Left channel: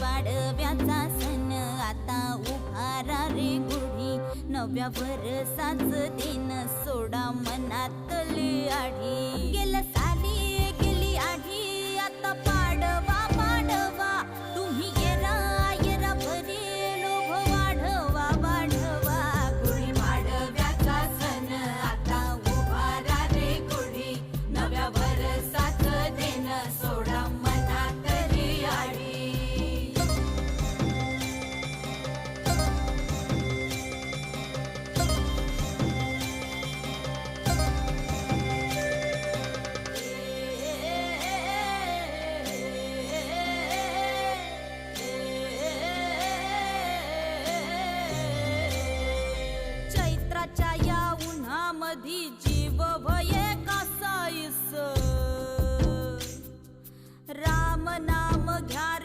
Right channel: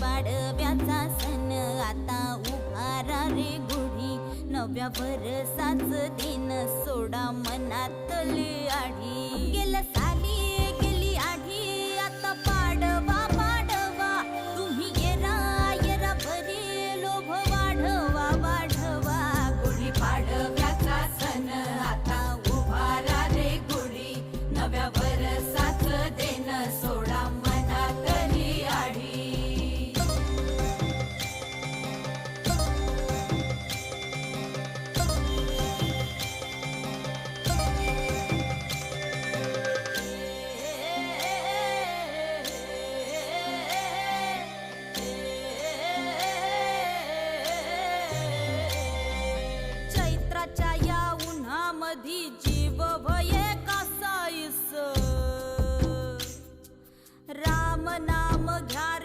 पाडव्याचा सण आता उभारा रे गुढी, नव्या वर्षाच दिन सोडा मनातली आढी. गेल्या साली गेली आढी, आता पाडवा पाडवा, तुम्ही येरा येरा बरी लोभ वाढवा वाढवा. गुढी पाडव्याचा सण आता उभारा रे गुढी, नव्या वर्षाच दिन सोडा मनातली आढी. चैत्राच्या या उन्हामधी जीव भये कासाईस, राम नाम घ्या